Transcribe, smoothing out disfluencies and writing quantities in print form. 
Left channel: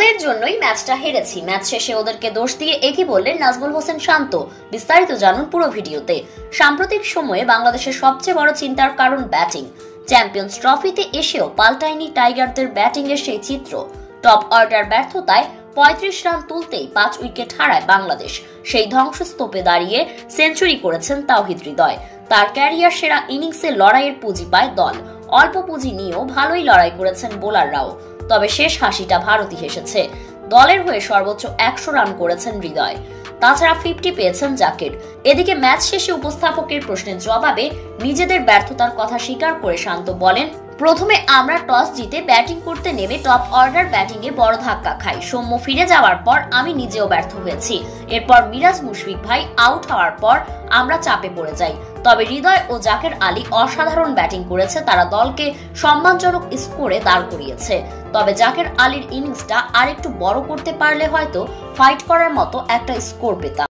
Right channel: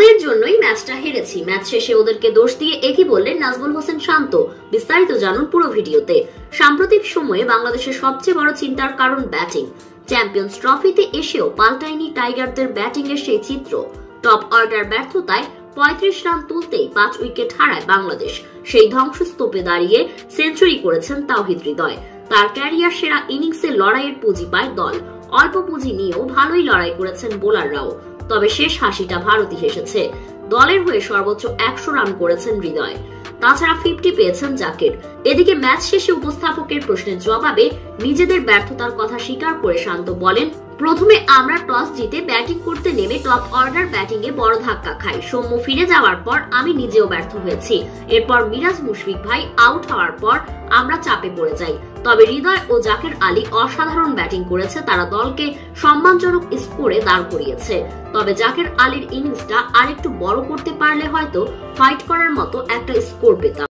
ওদের জন্যই ম্যাচটা হেরেছি। ম্যাচ শেষে ওদেরকে দোষ দিয়ে একই বললেন নাজমুল হোসেন শান্ত। বিস্তারিত জানুন পুরো ভিডিওতে। সাম্প্রতিক সময়ে বাংলাদেশের সবচেয়ে বড় চিন্তার কারণ ব্যাটিং। চ্যাম্পিয়ন্স ট্রফিতে এসেও পাল্টায়নি টাইগারদের ব্যাটিং এর সেই চিত্র। টপ অর্ডার ব্যর্থতায় ৩৫ রান তুলতেই ৫ উইকেট হারায় বাংলাদেশ। সেই ধ্বংসস্তূপে দাঁড়িয়ে সেঞ্চুরি করেছেন তাওহিদ হৃদয়। তার ক্যারিয়ার সেরা ইনিংসে লড়াইয়ের পুঁজি পায় দল। অল্প পুঁজি নিয়েও ভালোই লড়াই করেছেন বোলাররাও। তবে শেষ হাসিটা ভারতই হেসেছে। দলের হয়ে সর্বোচ্চ ১০০ রান করেছেন হৃদয়। তাছাড়া 50 পেয়েছেন জাকির। এদিকে ম্যাচ শেষে উপস্থাপকের প্রশ্নের জবাবে নিজেদের ব্যর্থতার কথা স্বীকার করে শান্ত বলেন, প্রথমে আমরা টস জিতে ব্যাটিং করতে নেমে টপ অর্ডার ব্যাটিং এ বড় ধাক্কা খাই। সৌম্য ফিরে যাওয়ার পর আমি নিজেও ব্যর্থ হয়েছি। এরপর মিরাজ মুশফিক ভাই আউট হওয়ার পর আমরা চাপে পড়ে যাই। তবে হৃদয় ও জাকের আলী অসাধারণ ব্যাটিং করেছে। তারা দলকে সম্মানজনক স্কোরে দাঁড় করিয়েছে। তবে জাকের আলীর ইনিংসটা আরেকটু বড় করতে পারলে হয়তো ফাইট করার মতো একটা স্কোর পেতাম।